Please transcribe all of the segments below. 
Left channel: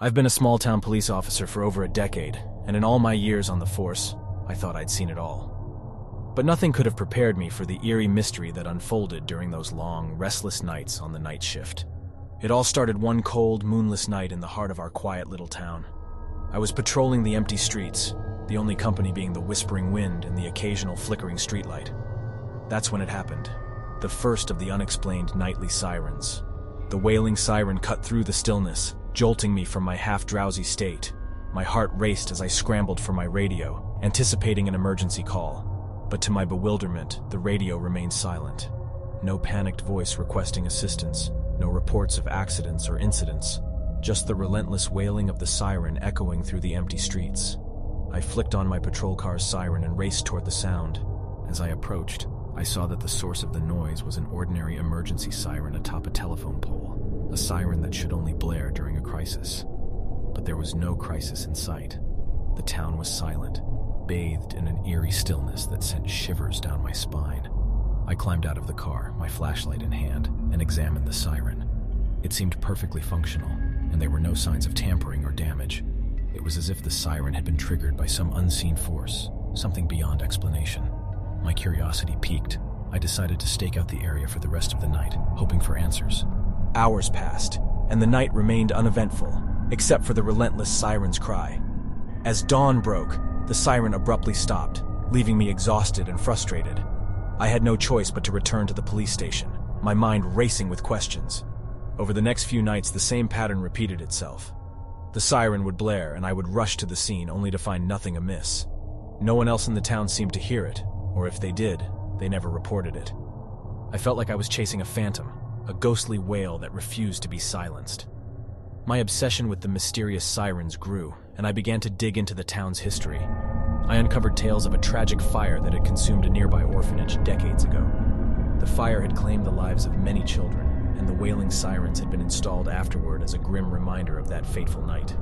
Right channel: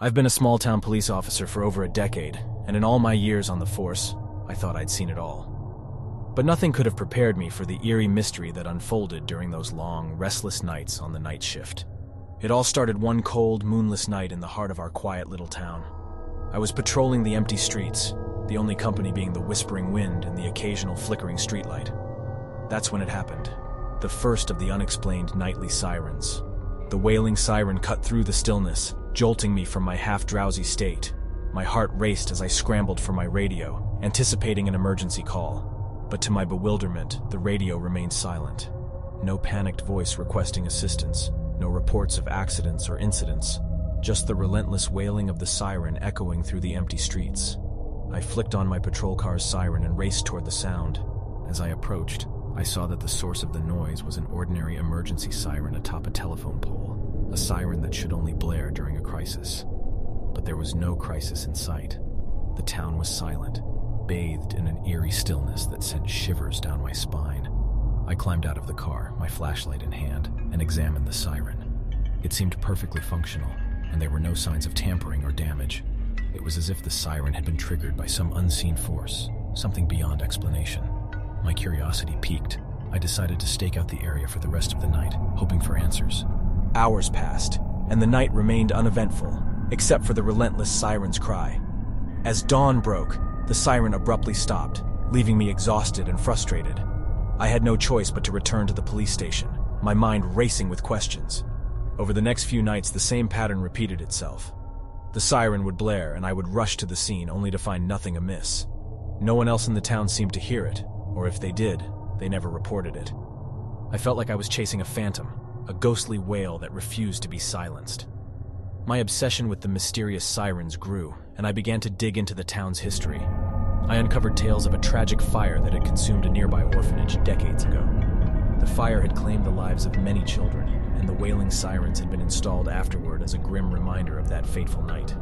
I've been a small-town police officer for over a decade, and in all my years on the force, I thought I'd seen it all. But nothing could have prepared me for the eerie mystery that unfolded during those long, restless nights on the night shift. It all started one cold, moonless night in the heart of our quiet little town. I was patrolling the empty streets, the only company being the whispering wind and the occasional flickering streetlight. That's when it happened, the first of the unexplained nightly sirens. The wailing siren cut through the stillness, jolting me from my half-drowsy state. My heart raced as I scrambled for my radio, anticipating an emergency call. But to my bewilderment, the radio remained silent. No panicked voice requesting assistance, no reports of accidents or incidents, just the relentless wailing of the siren echoing through the empty streets. I flicked on my patrol car's siren and raced toward the sound. As I approached, I saw that the source of the noise was an ordinary emergency siren atop a telephone pole, a siren that should only blare during a crisis. But there was no crisis in sight. The town was silent, bathed in an eerie stillness that sent shivers down my spine. I climbed out of the car, my flashlight in hand, and examined the siren. It seemed perfectly functional, and there were no signs of tampering or damage. It was as if the siren had been triggered by some unseen force, something beyond explanation. My curiosity piqued. I decided to stake out the area for the rest of the night, hoping for answers. Hours passed, and the night remained uneventful, except for the relentless siren's cry. As dawn broke, the siren abruptly stopped, leaving me exhausted and frustrated. I had no choice but to return to the police station, my mind racing with questions. Over the next few nights, the same pattern repeated itself. The siren would blare, and I would rush to the scene only to find nothing amiss. No one else in the town seemed to hear it, or if they did, they never reported it. I felt like I was chasing a phantom, a ghostly wail that refused to be silenced. My obsession with the mysterious sirens grew, and I began to dig into the town's history. I uncovered tales of a tragic fire that had consumed a nearby orphanage decades ago. The fire had claimed the lives of many children, and the wailing sirens had been installed afterward as a grim reminder of that fateful night.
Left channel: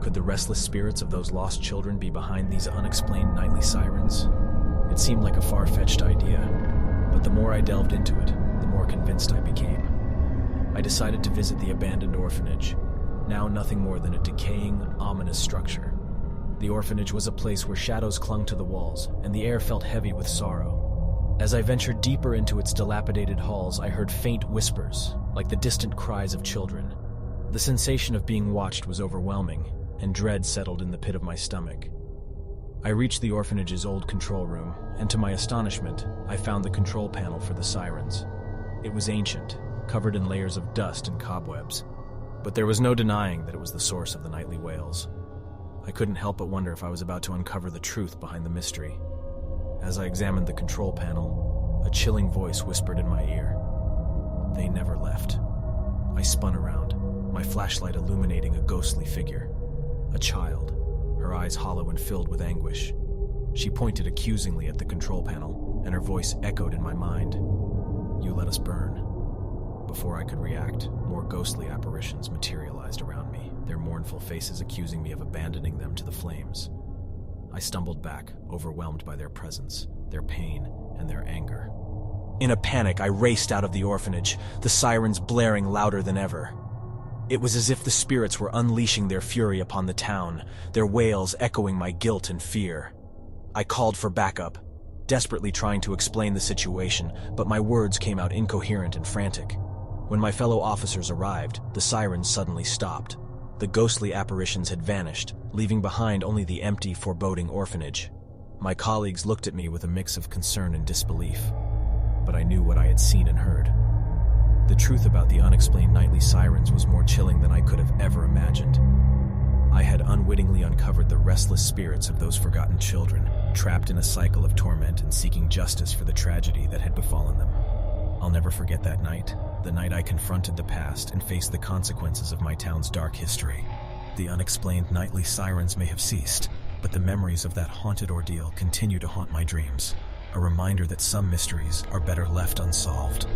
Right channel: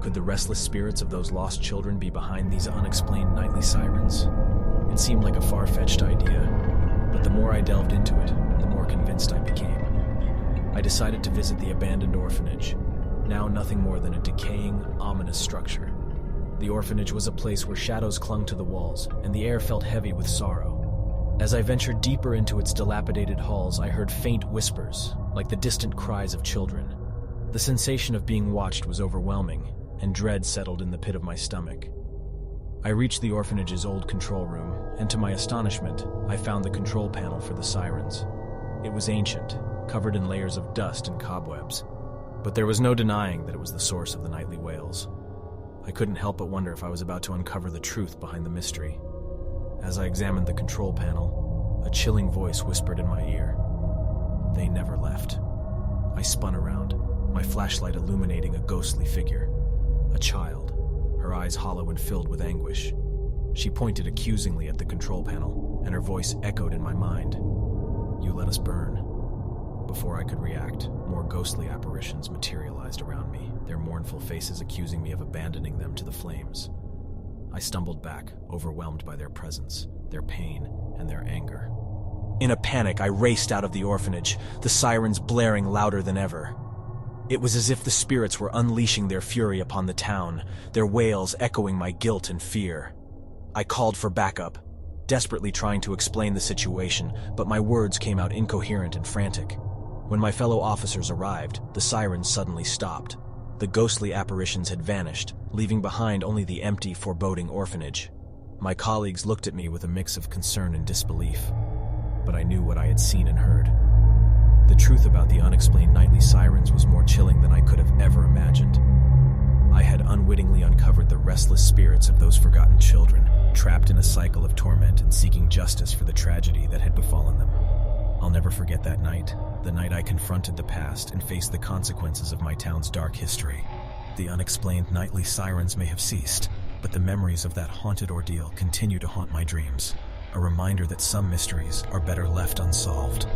Could the restless spirits of those lost children be behind these unexplained nightly sirens? It seemed like a far-fetched idea, but the more I delved into it, the more convinced I became. I decided to visit the abandoned orphanage, now nothing more than a decaying, ominous structure. The orphanage was a place where shadows clung to the walls, and the air felt heavy with sorrow. As I ventured deeper into its dilapidated halls, I heard faint whispers, like the distant cries of children. The sensation of being watched was overwhelming, and dread settled in the pit of my stomach. I reached the orphanage's old control room, and to my astonishment, I found the control panel for the sirens. It was ancient, covered in layers of dust and cobwebs. But there was no denying that it was the source of the nightly wails. I couldn't help but wonder if I was about to uncover the truth behind the mystery. As I examined the control panel, a chilling voice whispered in my ear. They never left. I spun around, my flashlight illuminating a ghostly figure. A child, her eyes hollow and filled with anguish. She pointed accusingly at the control panel, and her voice echoed in my mind. "You let us burn." Before I could react, more ghostly apparitions materialized around me, their mournful faces accusing me of abandoning them to the flames. I stumbled back, overwhelmed by their presence, their pain, and their anger. In a panic, I raced out of the orphanage, the sirens blaring louder than ever. It was as if the spirits were unleashing their fury upon the town, their wails echoing my guilt and fear. I called for backup, desperately trying to explain the situation, but my words came out incoherent and frantic. When my fellow officers arrived, the sirens suddenly stopped. The ghostly apparitions had vanished, leaving behind only the empty, foreboding orphanage. My colleagues looked at me with a mix of concern and disbelief, but I knew what I had seen and heard. The truth about the unexplained nightly sirens was more chilling than I could have ever imagined. I had unwittingly uncovered the restless spirits of those forgotten children, trapped in a cycle of torment and seeking justice for the tragedy that had befallen them. I'll never forget that night, the night I confronted the past and faced the consequences of my town's dark history. The unexplained nightly sirens may have ceased, but the memories of that haunted ordeal continue to haunt my dreams, a reminder that some mysteries are better left unsolved.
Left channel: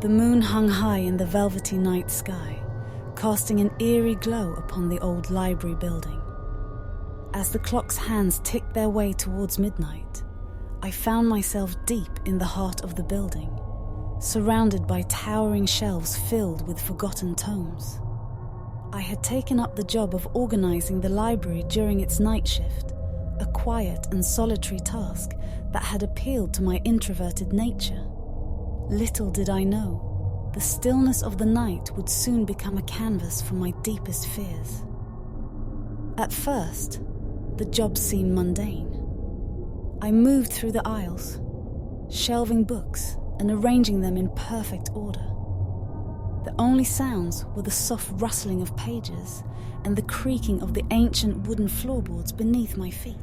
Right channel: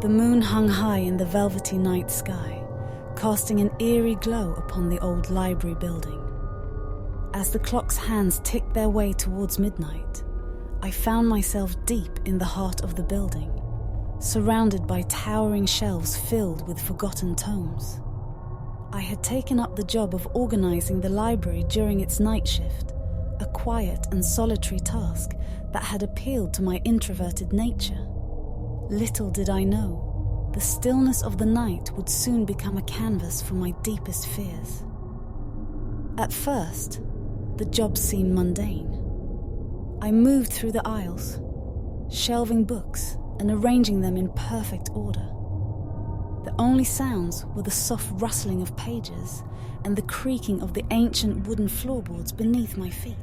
The moon hung high in the velvety night sky, casting an eerie glow upon the old library building. As the clock's hands ticked their way towards midnight, I found myself deep in the heart of the building, surrounded by towering shelves filled with forgotten tomes. I had taken up the job of organizing the library during its night shift, a quiet and solitary task that had appealed to my introverted nature. Little did I know, the stillness of the night would soon become a canvas for my deepest fears. At first, the job seemed mundane. I moved through the aisles, shelving books and arranging them in perfect order. The only sounds were the soft rustling of pages and the creaking of the ancient wooden floorboards beneath my feet.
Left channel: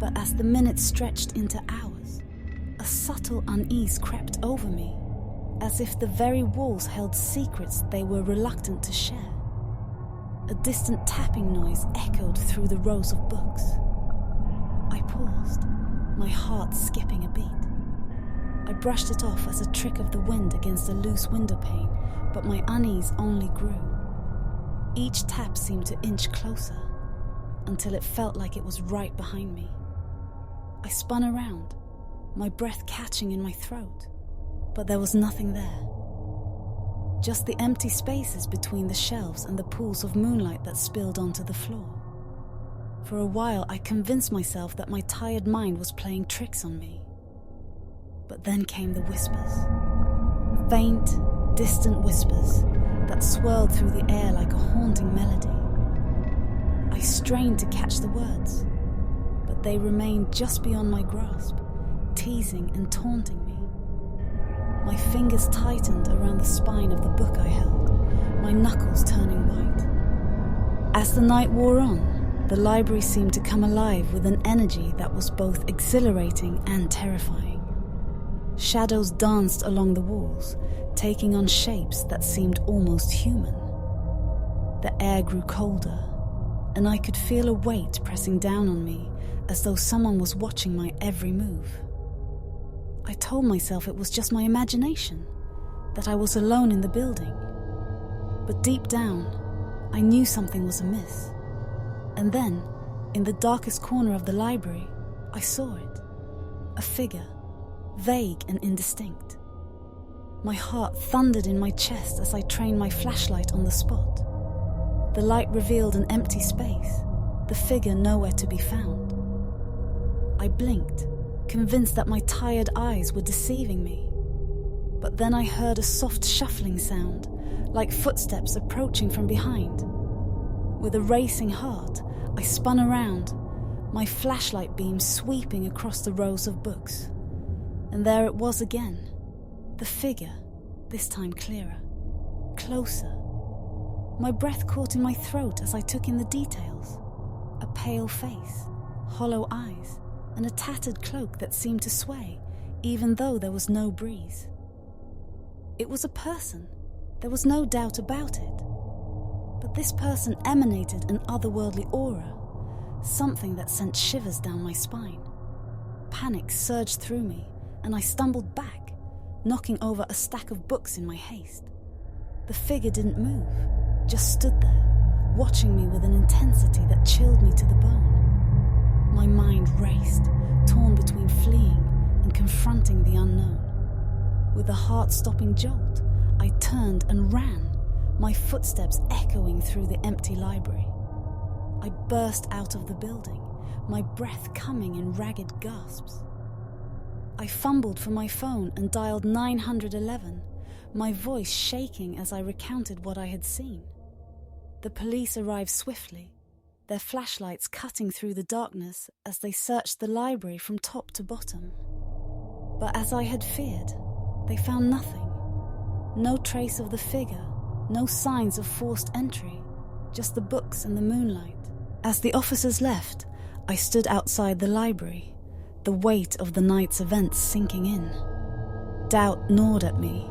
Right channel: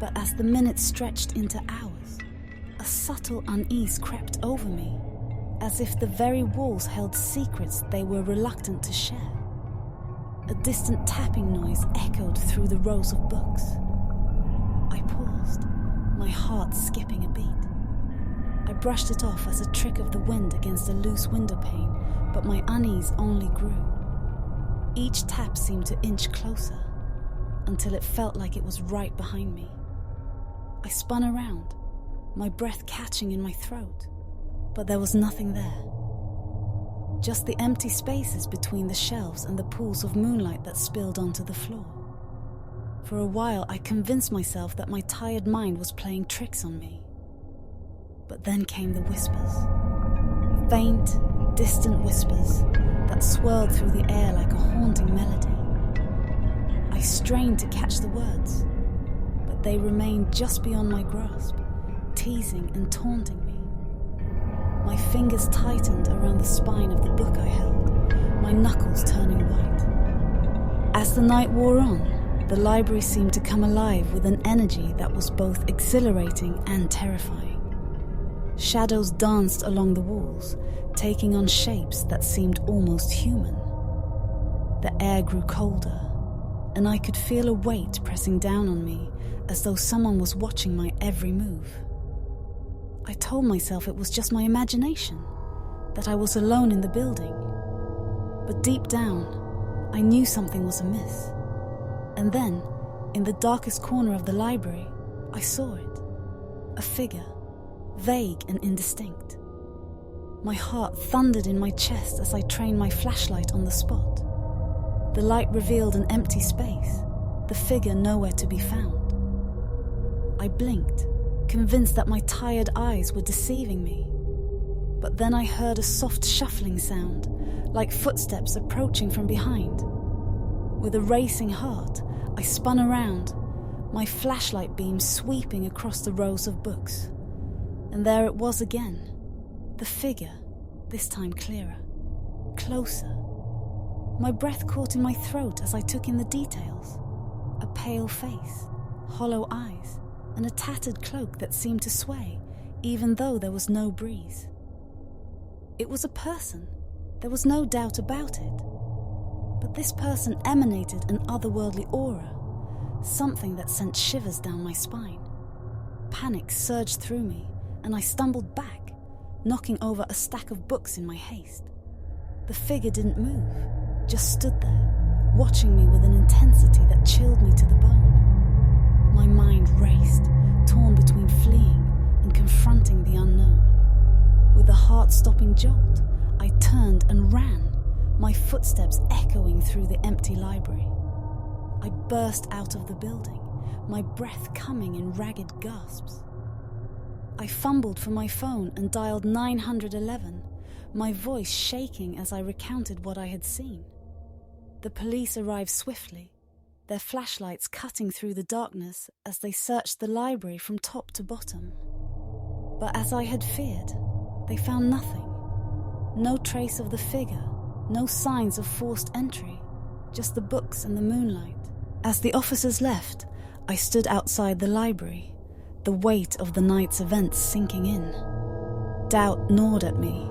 But as the minutes stretched into hours, a subtle unease crept over me, as if the very walls held secrets they were reluctant to share. A distant tapping noise echoed through the rows of books. I paused, my heart skipping a beat. I brushed it off as a trick of the wind against a loose window pane, but my unease only grew. Each tap seemed to inch closer, until it felt like it was right behind me. I spun around, my breath catching in my throat, but there was nothing there. Just the empty spaces between the shelves and the pools of moonlight that spilled onto the floor. For a while, I convinced myself that my tired mind was playing tricks on me. But then came the whispers. Faint, distant whispers that swirled through the air like a haunting melody. I strained to catch the words, but they remained just beyond my grasp, teasing and taunting me. My fingers tightened around the spine of the book I held, my knuckles turning white. As the night wore on, the library seemed to come alive with an energy that was both exhilarating and terrifying. Shadows danced along the walls, taking on shapes that seemed almost human. The air grew colder, and I could feel a weight pressing down on me, as though someone was watching my every move. I told myself it was just my imagination, that I was alone in the building. But deep down, I knew something was amiss. And then, in the darkest corner of the library, I saw it. A figure, vague and indistinct. My heart thundered in my chest as I trained my flashlight on the spot. The light revealed an empty space, the figure nowhere to be found. I blinked, convinced that my tired eyes were deceiving me. But then I heard a soft shuffling sound, like footsteps approaching from behind. With a racing heart, I spun around, my flashlight beam sweeping across the rows of books. And there it was again, the figure, this time clearer, closer. My breath caught in my throat as I took in the details. A pale face, hollow eyes, and a tattered cloak that seemed to sway, even though there was no breeze. It was a person, there was no doubt about it. But this person emanated an otherworldly aura, something that sent shivers down my spine. Panic surged through me, and I stumbled back, knocking over a stack of books in my haste. The figure didn't move, just stood there, watching me with an intensity that chilled me to the bone. My mind raced, torn between fleeing and confronting the unknown. With a heart-stopping jolt, I turned and ran, my footsteps echoing through the empty library. I burst out of the building, my breath coming in ragged gasps. I fumbled for my phone and dialed 911, my voice shaking as I recounted what I had seen. The police arrived swiftly, their flashlights cutting through the darkness as they searched the library from top to bottom. But as I had feared, they found nothing. No trace of the figure, no signs of forced entry, just the books and the moonlight. As the officers left, I stood outside the library, the weight of the night's events sinking in. Doubt gnawed at me,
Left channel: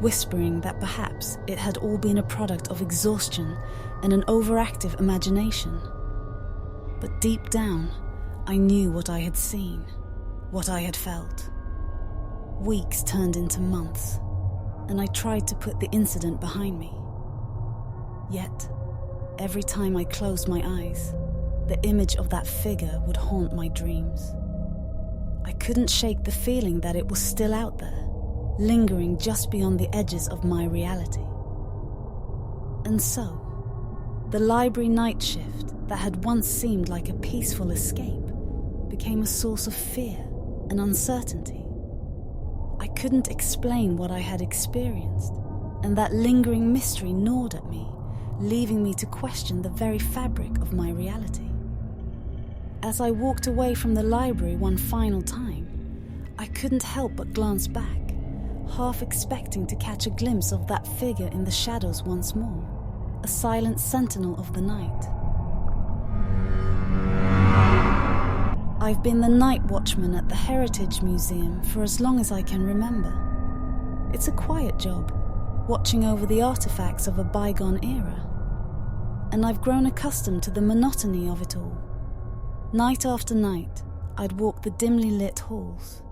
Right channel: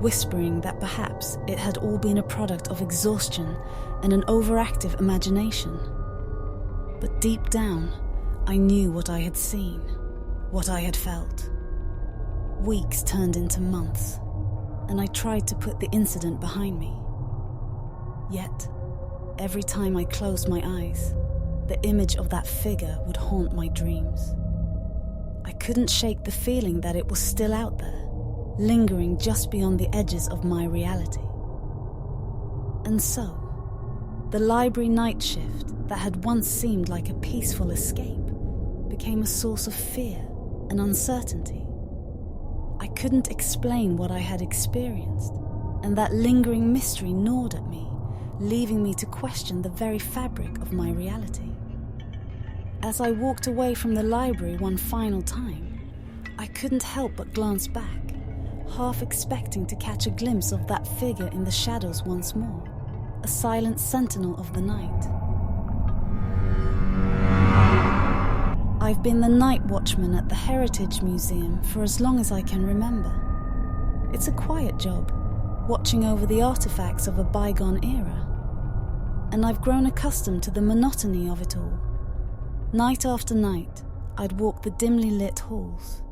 whispering that perhaps it had all been a product of exhaustion and an overactive imagination. But deep down, I knew what I had seen, what I had felt. Weeks turned into months, and I tried to put the incident behind me. Yet, every time I closed my eyes, the image of that figure would haunt my dreams. I couldn't shake the feeling that it was still out there, lingering just beyond the edges of my reality. And so, The library night shift that had once seemed like a peaceful escape became a source of fear and uncertainty. I couldn't explain what I had experienced, and that lingering mystery gnawed at me, leaving me to question the very fabric of my reality. As I walked away from the library one final time, I couldn't help but glance back, half expecting to catch a glimpse of that figure in the shadows once more, a silent sentinel of the night. I've been the night watchman at the Heritage Museum for as long as I can remember. It's a quiet job, watching over the artifacts of a bygone era. And I've grown accustomed to the monotony of it all. Night after night, I'd walk the dimly lit halls,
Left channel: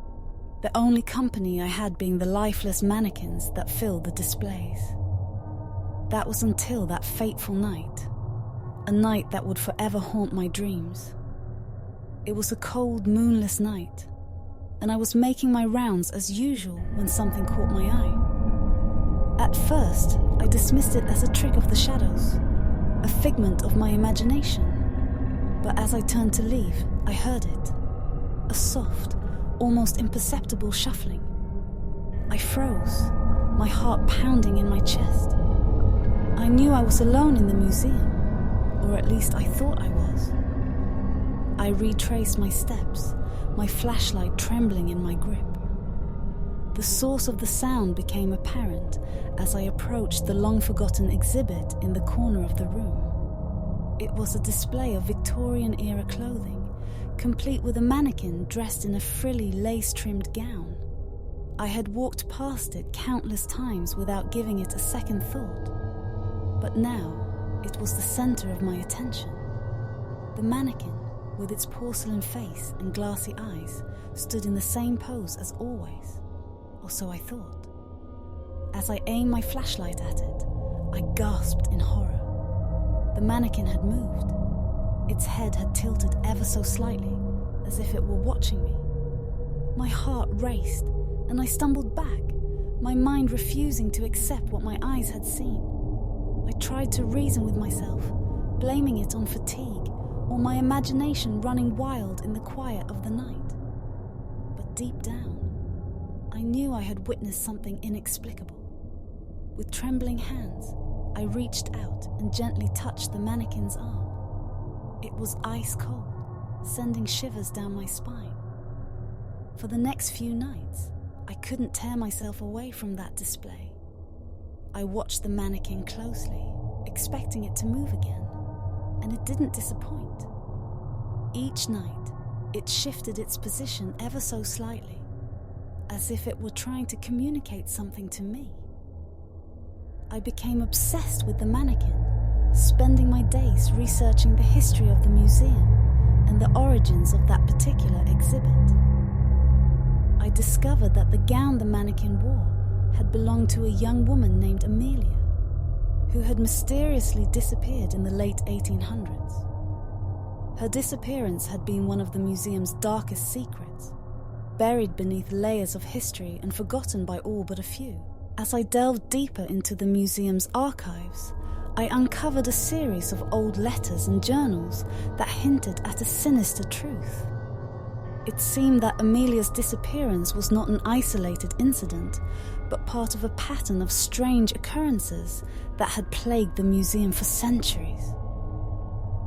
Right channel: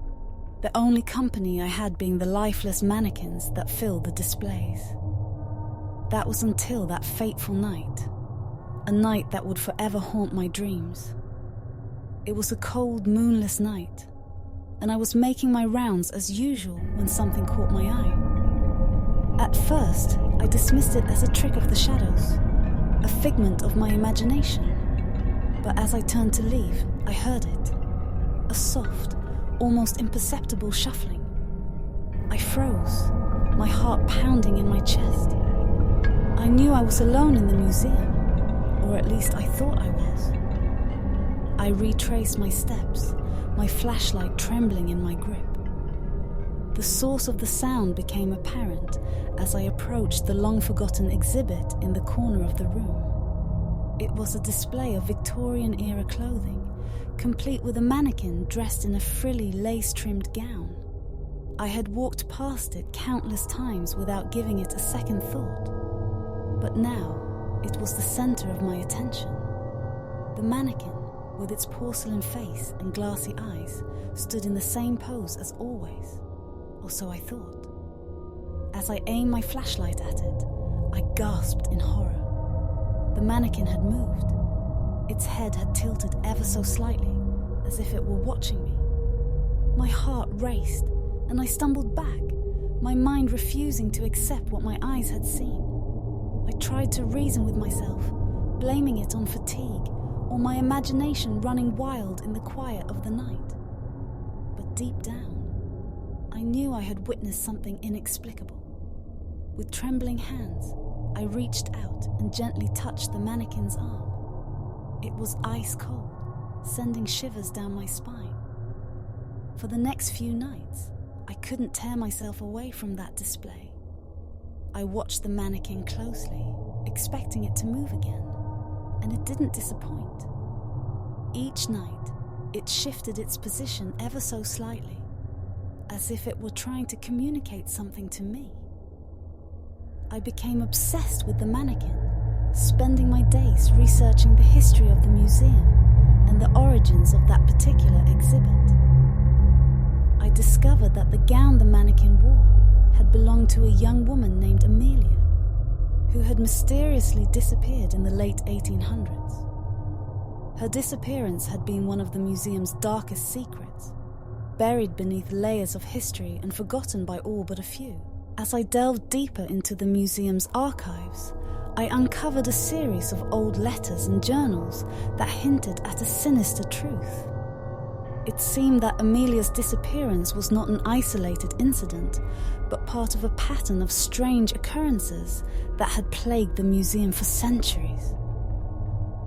the only company I had being the lifeless mannequins that filled the displays. That was until that fateful night, a night that would forever haunt my dreams. It was a cold, moonless night, and I was making my rounds as usual when something caught my eye. At first, I dismissed it as a trick of the shadows, a figment of my imagination. But as I turned to leave, I heard it. A soft, almost imperceptible shuffling. I froze, my heart pounding in my chest. I knew I was alone in the museum, or at least I thought I was. I retraced my steps, my flashlight trembling in my grip. The source of the sound became apparent as I approached the long-forgotten exhibit in the corner of the room. It was a display of Victorian-era clothing, complete with a mannequin dressed in a frilly, lace-trimmed gown. I had walked past it countless times without giving it a second thought. But now, it was the center of my attention. The mannequin, with its porcelain face and glassy eyes, stood in the same pose as always, or so I thought. As I aimed my flashlight at it, I gasped in horror. The mannequin had moved. Its head had tilted ever so slightly, as if it were watching me. My heart raced, and I stumbled back, my mind refusing to accept what my eyes had seen. I tried to reason with myself, blaming it on fatigue, or my imagination running wild in the quiet of the night. But deep down, I knew I had witnessed something inexplicable. With trembling hands, I reached out and gently touched the mannequin's arm. It was ice cold, sending shivers down my spine. For the next few nights, I couldn't tear myself away from that display. I watched the mannequin closely, expecting it to move again, and it didn't disappoint. Each night, it shifted its position ever so slightly, as if it were trying to communicate something to me. I became obsessed with the mannequin, spending my days researching the history of the museum and the origins of that particular exhibit. I discovered that the gown the mannequin wore had belonged to a young woman named Amelia, who had mysteriously disappeared in the late 1800s. Her disappearance had been one of the museum's darkest secrets, buried beneath layers of history and forgotten by all but a few. As I delved deeper into the museum's archives, I uncovered a series of old letters and journals that hinted at a sinister truth. It seemed that Amelia's disappearance was not an isolated incident, but part of a pattern of strange occurrences that had plagued the museum for centuries.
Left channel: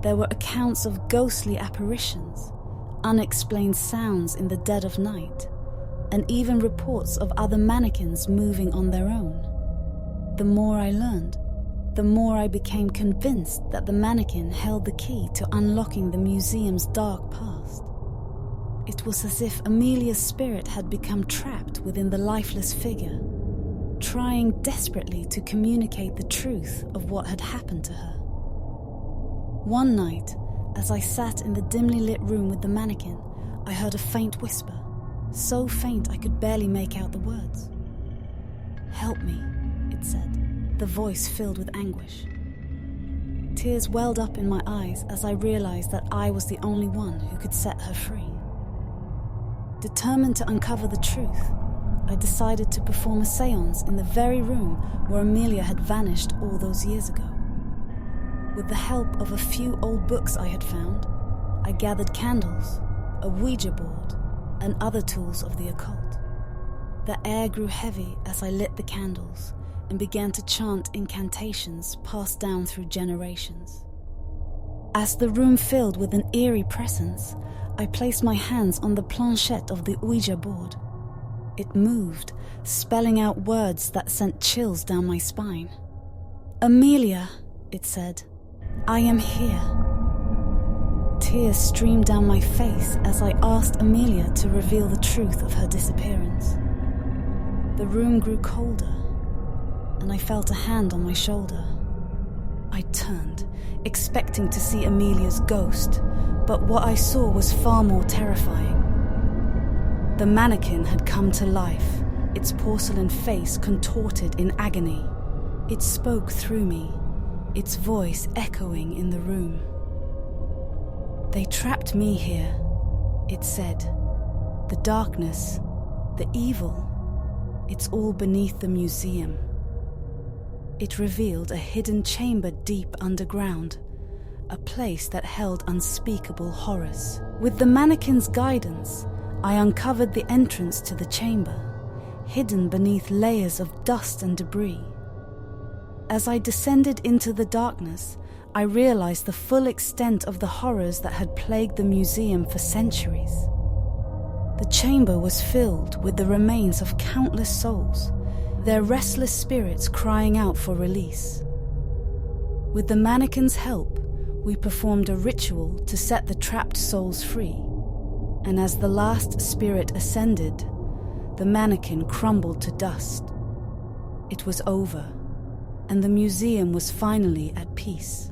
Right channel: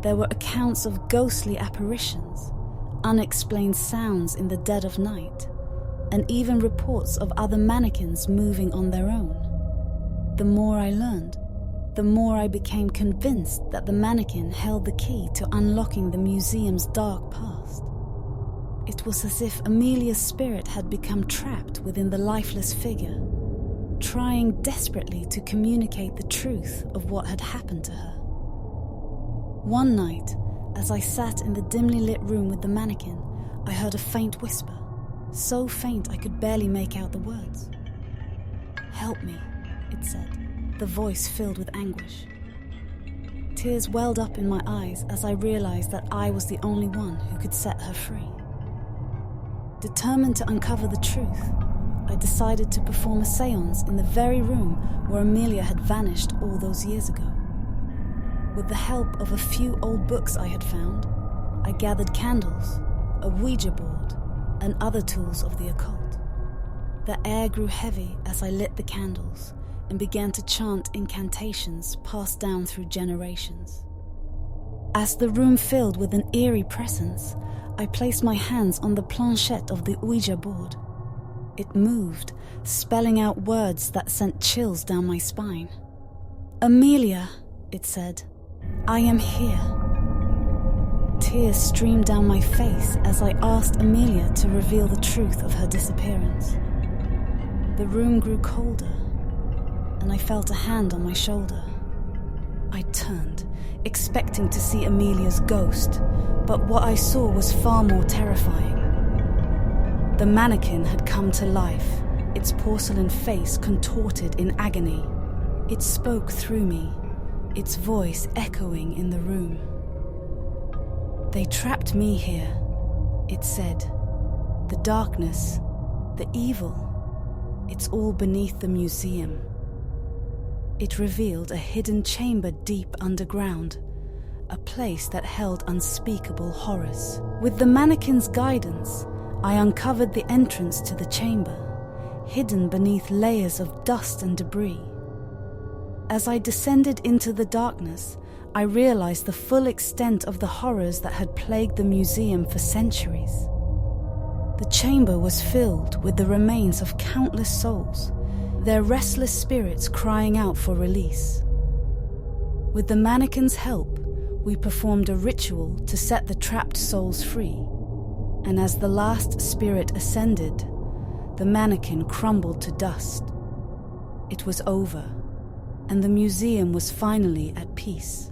There were accounts of ghostly apparitions, unexplained sounds in the dead of night, and even reports of other mannequins moving on their own. The more I learned, the more I became convinced that the mannequin held the key to unlocking the museum's dark past. It was as if Amelia's spirit had become trapped within the lifeless figure, trying desperately to communicate the truth of what had happened to her. One night, as I sat in the dimly lit room with the mannequin, I heard a faint whisper, so faint I could barely make out the words. "Help me," it said, the voice filled with anguish. Tears welled up in my eyes as I realized that I was the only one who could set her free. Determined to uncover the truth, I decided to perform a séance in the very room where Amelia had vanished all those years ago. With the help of a few old books I had found, I gathered candles, a Ouija board, and other tools of the occult. The air grew heavy as I lit the candles and began to chant incantations passed down through generations. As the room filled with an eerie presence, I placed my hands on the planchette of the Ouija board. It moved, spelling out words that sent chills down my spine. "Amelia," it said, "I am here." Tears streamed down my face as I asked Amelia to reveal the truth of her disappearance. The room grew colder, and I felt a hand on my shoulder. I turned, expecting to see Amelia's ghost, but what I saw was far more terrifying. The mannequin had come to life, its porcelain face contorted in agony. It spoke through me, its voice echoing in the room. "They trapped me here," it said. "The darkness, the evil, it's all beneath the museum." It revealed a hidden chamber deep underground, a place that held unspeakable horrors. With the mannequin's guidance, I uncovered the entrance to the chamber, hidden beneath layers of dust and debris. As I descended into the darkness, I realized the full extent of the horrors that had plagued the museum for centuries. The chamber was filled with the remains of countless souls, their restless spirits crying out for release. With the mannequin's help, we performed a ritual to set the trapped souls free, and as the last spirit ascended, the mannequin crumbled to dust. It was over, and the museum was finally at peace.